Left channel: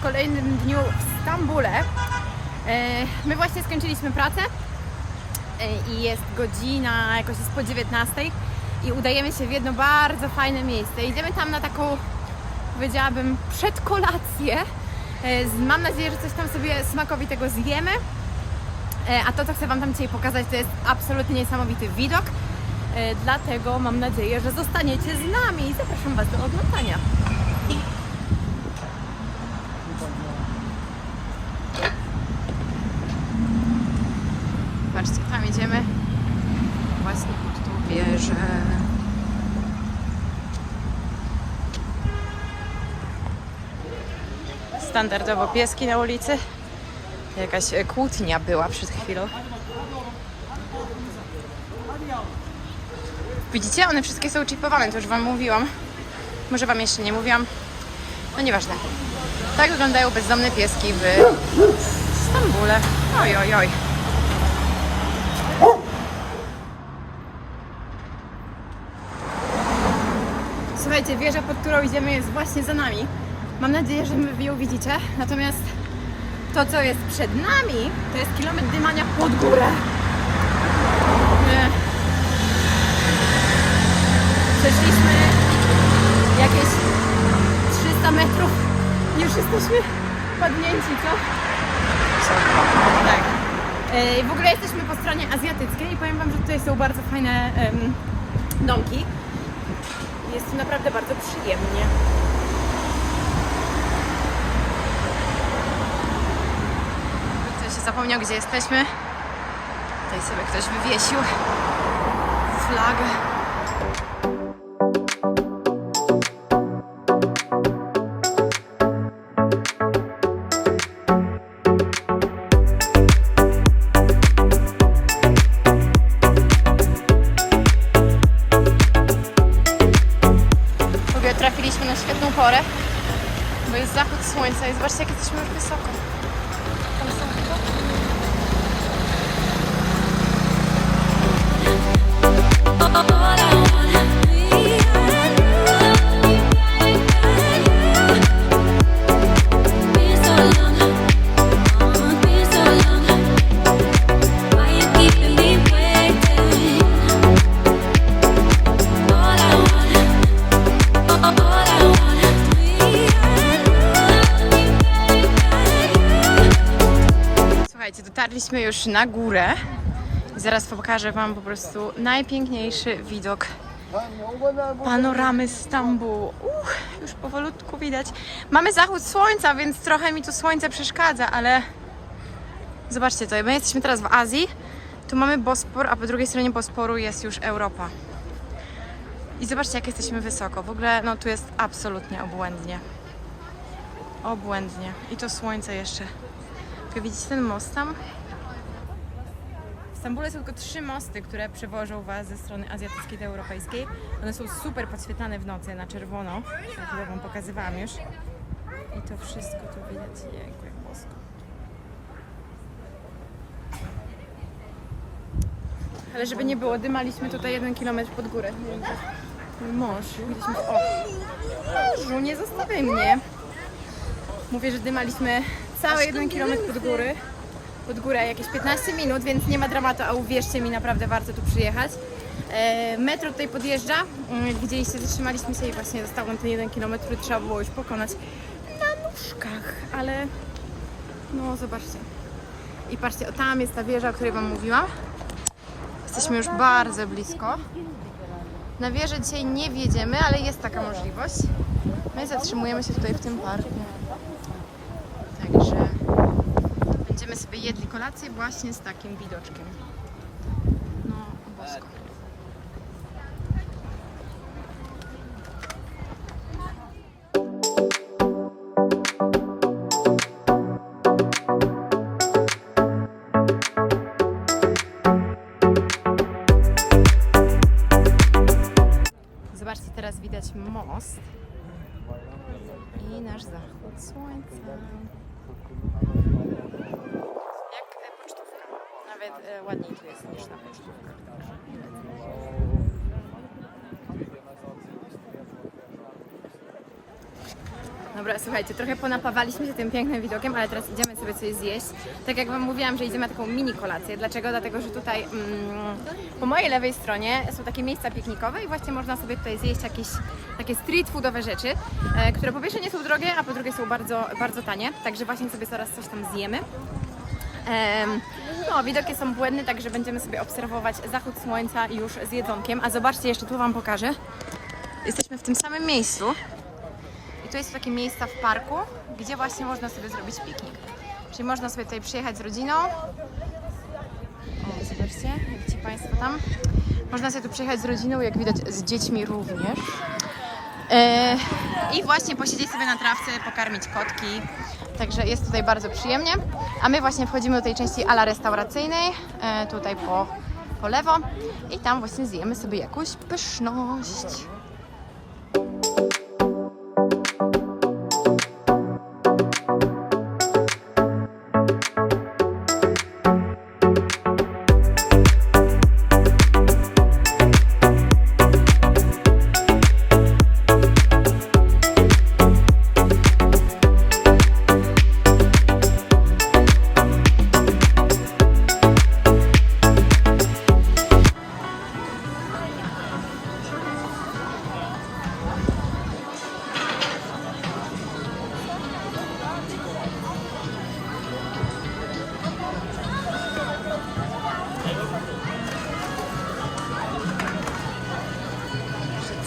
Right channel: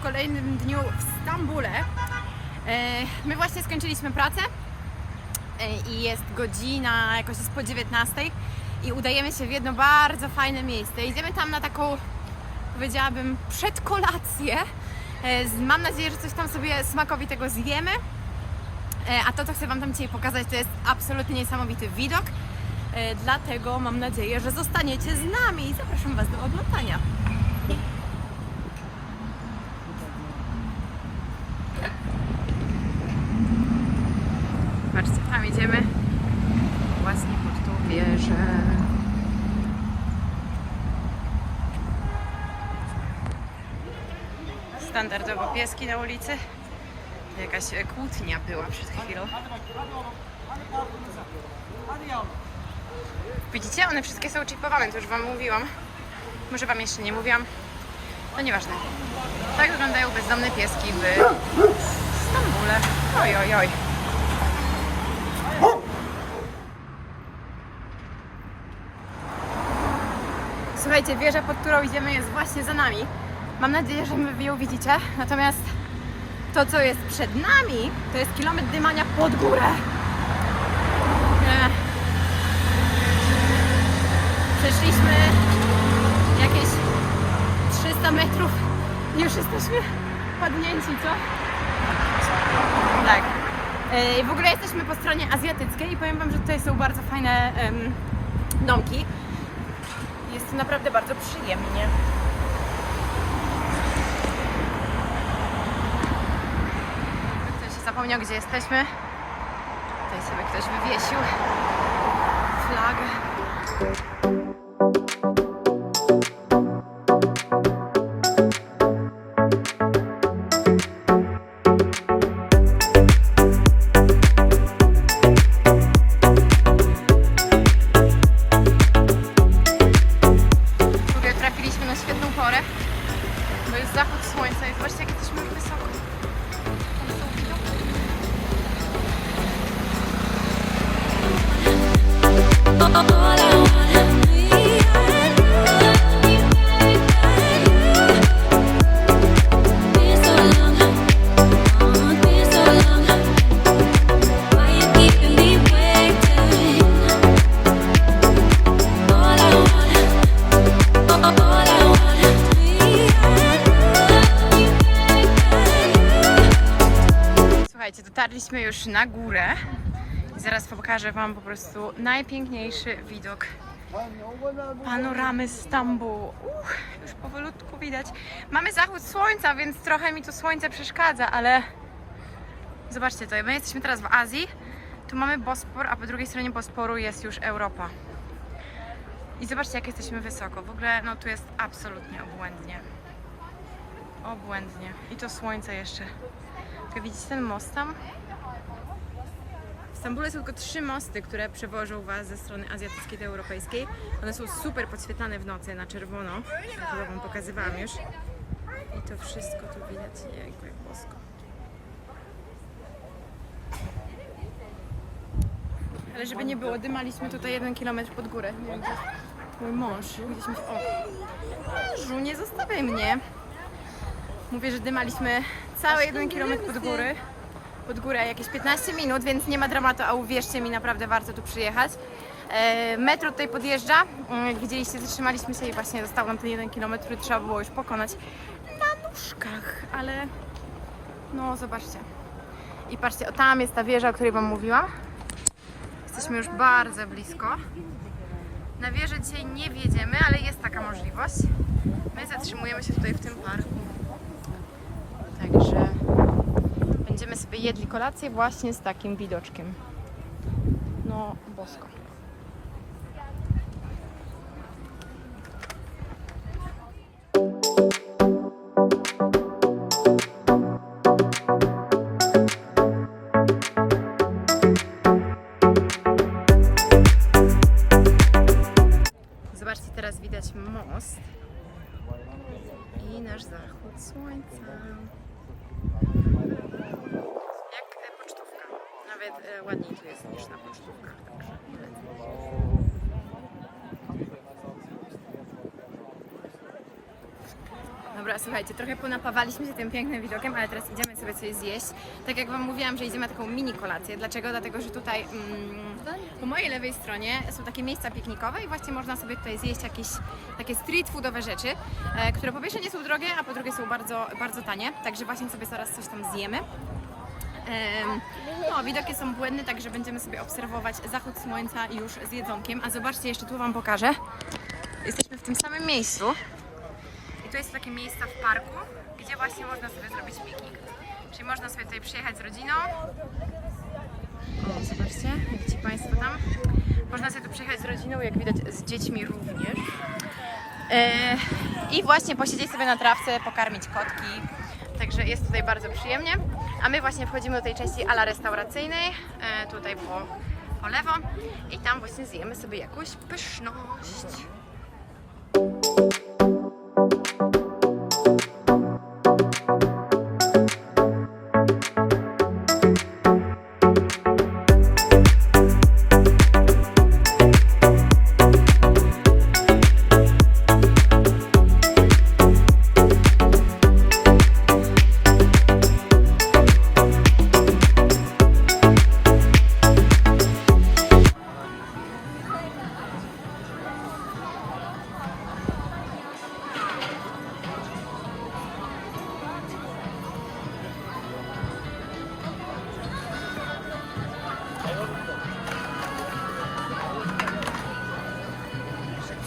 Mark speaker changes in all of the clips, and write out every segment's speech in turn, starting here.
Speaker 1: kolejnym dniu w Stambule. E, My właśnie skończyliśmy pracę e, i jest godzina, jakoś jest po 19 i udajemy się w jedno bardzo fajne miejsce. Idziemy tam na taką, powiedziałabym, przedkolację. E, Mam nadzieję, że coś tam sobie smakowitego zjemy. A to, co chcę Wam tam dzisiaj pokazać, to jest absolutnie niesamowity widok. Dlatego mam nadzieję, że zostaniecie z nami i zapraszam Was do oglądania. Patrzcie, tam idziemy właśnie pod tą wieżę. Standardowo pieski na ulicy. Jakaś kłótnia była przed chwilą. Widzicie, one wszystkie są chipowane, to już Wam mówiłam. Może Wam jeszcze nie mówiłam. No nieważne. Tak wyglądają bezdomne pieski w Stambule. Oj, oj, oj. Słuchajcie, wieża, pod którą idziemy jest właśnie za nami. Mam nadzieję, że wy ją widzicie. Natomiast to, co jest przed nami, to jest kilometr dymania pod górę. Przeszliśmy jakieś 300 metrów. Już jesteśmy padnięci, co? Tak. E, W ogóle jesteśmy po stronie azjatyckiej i powiem Wam, że tutaj są bardzo fajne em, domki. Jest naprawdę bardzo przyjemnie. Ktoś się zapomniał, gdzie jesteśmy. Tutaj sobie ktoś wywiesił flagę. Słuchajcie, dotarliśmy już na górę zaraz pokażę Wam po prostu najpiękniejszy widok panoramy Stambułu. Uch, już powolutku widać. Mamy zachód słońca, więc trochę mi tu słońce przeszkadza, ale zobaczcie to, my jesteśmy teraz w Azji, tu mamy Bospor, a po drugiej stronie Bosporu jest już Europa. I zobaczcie, jak jesteśmy wysoko. W ogóle, no tu jest absolutnie obłędnie. Obłędnie. I to słońce jeszcze. Jak widzicie ten most tam? W Stambule są tylko trzy mosty, które przewożą Was ze strony azjatyckiej do europejskiej. One są super podświetlane w nocy na czerwono. Ja chyba Wam pokazywałam już. I to wszystko tu widać. Jejku, jak bosko. Ale żeby nie było, dymaliśmy tutaj jeden kilometr pod górę. Jest mój mąż. Gdzieś mi... O! Mężu, nie zostawiaj mnie! Mówię, że dymaliśmy cały jeden kilometr pod góry. Pod górę jakieś 15 minut, więc nie ma dramatu, a uwierzcie mi, naprawdę warto tu przyjechać. E, metro tutaj podjeżdża. Mm, widzieliście, zatrzymaliśmy się i właśnie został nam ten jeden kilometr, który trzeba było już pokonać na nóżkach, ale no zobaczcie. I patrzcie, o tam jest ta wieża, o której Wam mówiłam. Jesteśmy już bardzo blisko. Na wieżę dzisiaj nie wjedziemy, ale jest taka możliwość. My zatrzymujemy się tutaj w tym parku. Także będziemy sobie jedli kolację właśnie z takim widoczkiem. No, bosko. Zobaczcie, teraz widać most i nasz zachód słońca. Jak e, pocztówka. Nawet e, ładniej tu jest niż na pocztówkach, także. Dobra, słuchajcie, trochę ponapawaliśmy się tym pięknym widokiem, ale teraz idziemy sobie coś zjeść. Tak jak Wam mówiłam, że idziemy na taką mini kolację. Dlaczego? Dlatego, że tutaj mm, po mojej lewej stronie są takie miejsca piknikowe i właśnie można sobie tutaj zjeść jakieś takie street foodowe rzeczy, e, które po pierwsze nie są drogie, a po drugie są bardzo, bardzo tanie. Także właśnie sobie zaraz coś tam zjemy. Em, No, widoki są błędne, także będziemy sobie obserwować zachód słońca już z jedzonkiem. A zobaczcie, jeszcze tu Wam pokażę. Jesteśmy w tym samym miejscu. I to jest takie miejsca w parku, gdzie właśnie można sobie zrobić piknik. Czyli można sobie tutaj przyjechać z rodziną. O, zobaczcie, ci Państwo tam. Można sobie tu przyjechać z rodziną, jak widać z dziećmi również. E, I właśnie posiedzieć sobie na trawce, pokarmić kotki. Także jest tutaj bardzo przyjemnie. A my właśnie wchodzimy do tej części ala restauracyjnej, e, tutaj po, po lewo. I tam właśnie zjemy sobie jakąś pyszność.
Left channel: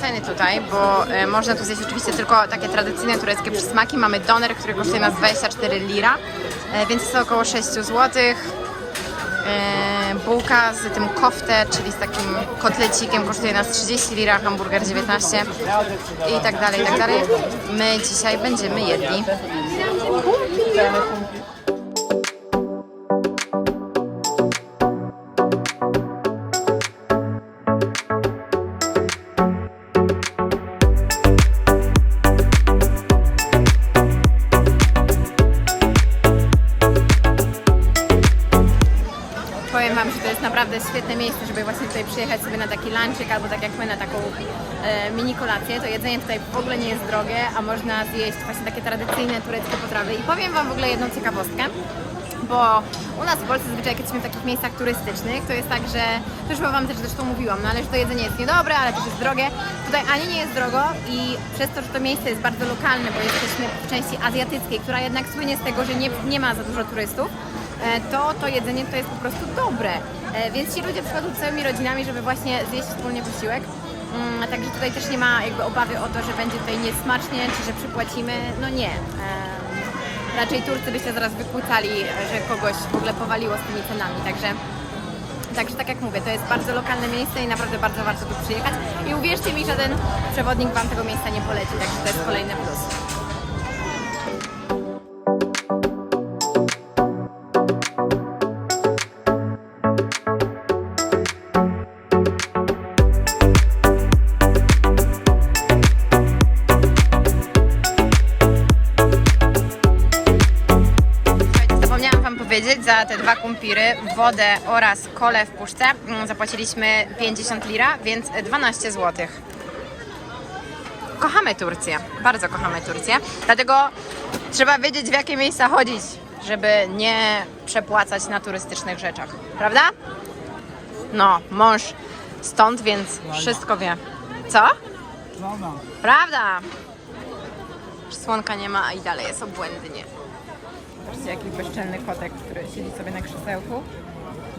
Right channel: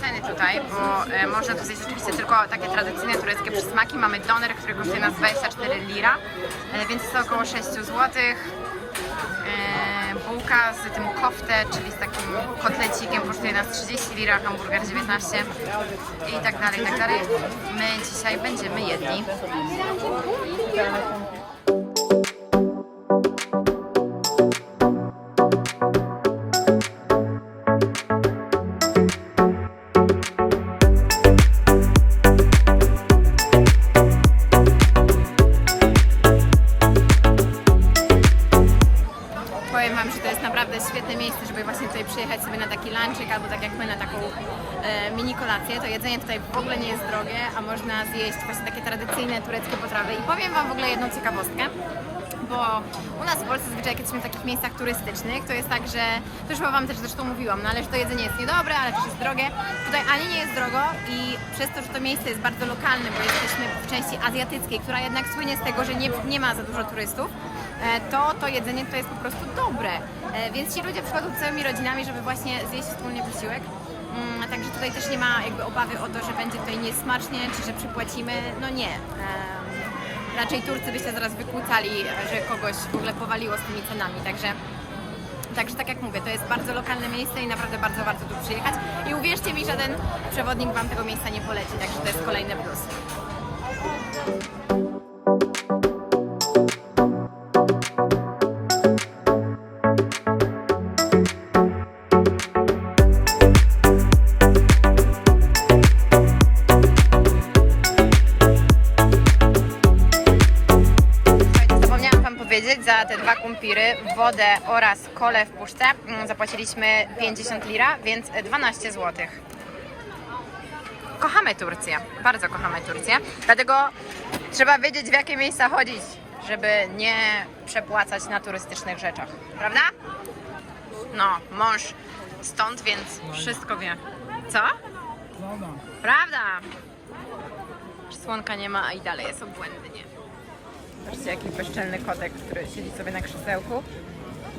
Speaker 1: Ceny tutaj, bo e, można tu zjeść oczywiście tylko takie tradycyjne tureckie przysmaki. Mamy doner, który kosztuje nas 24 lira, e, więc jest to około 6 zł. E, bułka z tym koftę, czyli z takim kotlecikiem kosztuje nas 30 lira, hamburger 19 i tak dalej, i tak dalej. My dzisiaj będziemy jedli kumpir. Świetne miejsce, żeby właśnie tutaj przyjechać sobie na taki lunchik albo tak jak my na taką e, mini kolację. To jedzenie tutaj w ogóle nie jest drogie, a można zjeść właśnie takie tradycyjne tureckie potrawy. I powiem Wam w ogóle jedną ciekawostkę. Bo u nas w Polsce zazwyczaj jak jesteśmy w takich miejscach turystycznych, to jest tak, że, to już chyba Wam też zresztą mówiłam, no ale że to jedzenie jest niedobre, ale też jest drogie. Tutaj ani nie jest drogo i przez to, że to miejsce jest bardzo lokalne, bo jesteśmy w części azjatyckiej, która jednak słynie z tego, że nie, nie ma za dużo turystów, to to jedzenie to jest po prostu dobre. E, Więc ci ludzie przychodzą całymi rodzinami, żeby właśnie zjeść wspólnie posiłek. Mm, Także tutaj też nie ma jakby obawy o to, że będzie tutaj niesmacznie, czy że przypłacimy. No nie. Raczej Turcy by się zaraz wykłócali, e, że kogoś w ogóle powaliło z tymi cenami. Także Także tak jak mówię, to jest bardzo lokalne miejsce i naprawdę bardzo warto tu przyjechać. I uwierzcie mi, żaden przewodnik Wam tego miejsca nie poleci, także to jest kolejny plus. Za te dwa kumpiry, wodę oraz kolę w puszce mm, zapłaciliśmy 50 lira, więc 12 zł. Kochamy Turcję, bardzo kochamy Turcję, dlatego trzeba wiedzieć w jakie miejsca chodzić, żeby nie przepłacać na turystycznych rzeczach, prawda? No, mąż stąd, więc wszystko wie. Co?
Speaker 2: Prawda.
Speaker 1: Prawda! Słonka nie ma, a i dalej jest obłędnie. Zobaczcie, bezczelny kotek, który siedzi sobie na krzesełku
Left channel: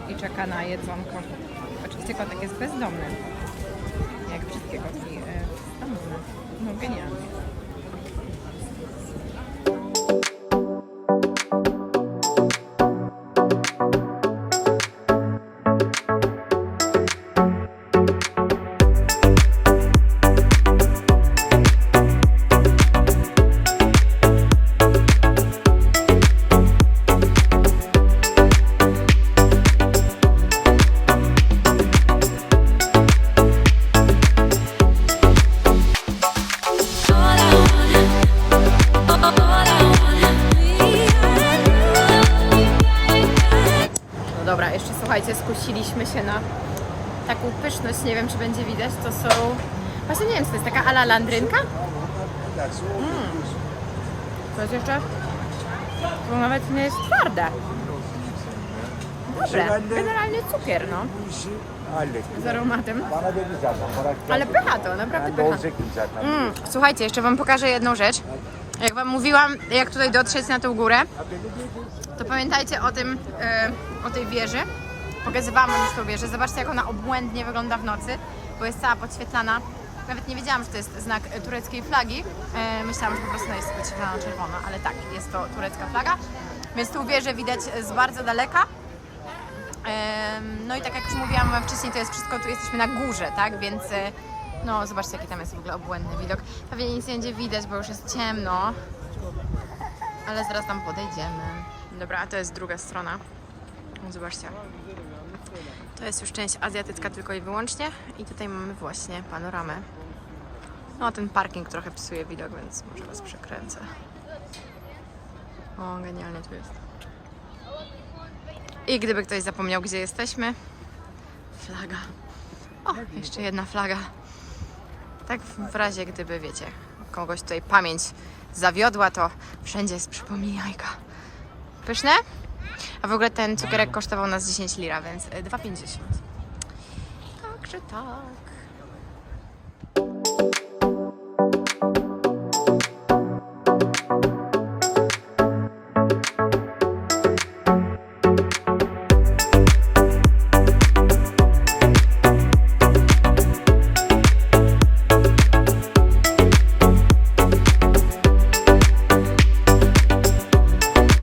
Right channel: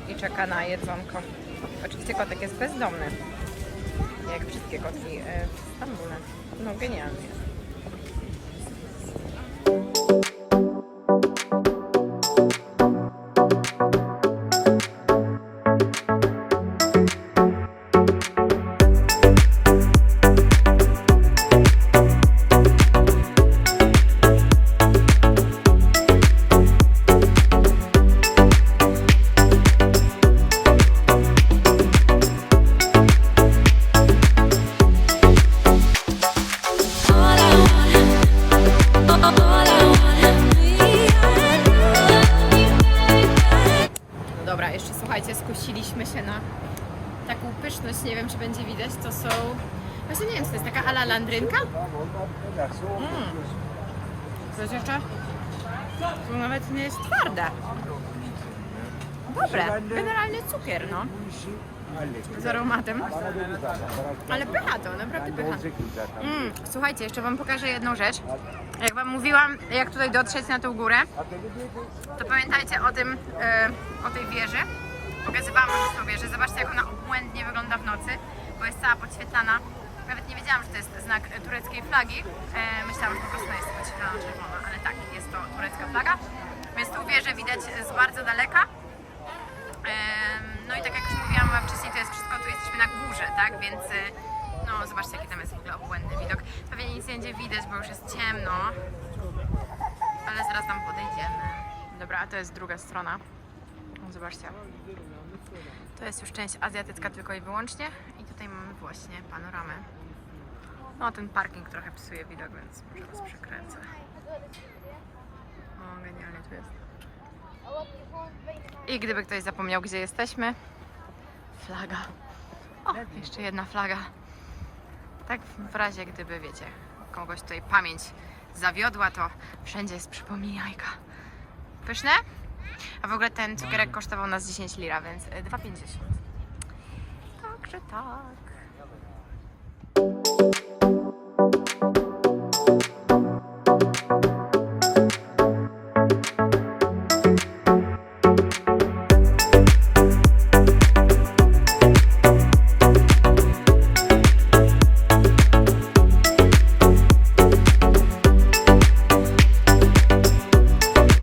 Speaker 1: i czeka na jedzonko. Oczywiście kotek jest bezdomny. Jak wszystkie kotki e, Stambule. No genialnie. Dobra, jeszcze słuchajcie, skusiliśmy się na taką pyszność, nie wiem czy będzie widać, to są... Właśnie nie wiem, czy to jest taka ala landrynka? Mm. To jest jeszcze... To nawet nie jest twarde. Dobre. Generalnie cukier, no. Z aromatem. Ale pycha to, naprawdę pycha. Mm, słuchajcie, jeszcze wam pokażę jedną rzecz. Jak wam mówiłam, jak tutaj dotrzeć na tą górę, to pamiętajcie o tym, e, o tej wieży. Pokazywałam już tą wieżę. Zobaczcie, jak ona obłędnie wygląda w nocy, bo jest cała podświetlana. Nawet nie wiedziałam, że to jest znak e, tureckiej flagi. E, myślałam, że po prostu jest podświetlana czerwono, ale tak, jest to turecka flaga. Więc tą wieżę widać z bardzo daleka. Em, No i tak jak już mówiłam wam wcześniej, to jest wszystko, tu jesteśmy na górze, tak? Więc e, no zobaczcie jaki tam jest w ogóle obłędny widok. Pewnie nic nie będzie widać, bo już jest ciemno. Ale zaraz tam podejdziemy. Dobra, a to jest druga strona. Zobaczcie. To jest już część azjatycka tylko i wyłącznie. I tutaj mamy właśnie panoramę. No, ten parking trochę psuje widok, więc może was przekręcę. O, genialnie tu jest. I gdyby ktoś zapomniał, gdzie jesteśmy, flaga. O, jeszcze jedna flaga. Tak w razie, gdyby, wiecie, kogoś tutaj pamięć zawiodła, to wszędzie jest przypomniajka. Pyszne? A w ogóle ten cukierek kosztował nas 10 lira, więc y, 2,50. Także tak.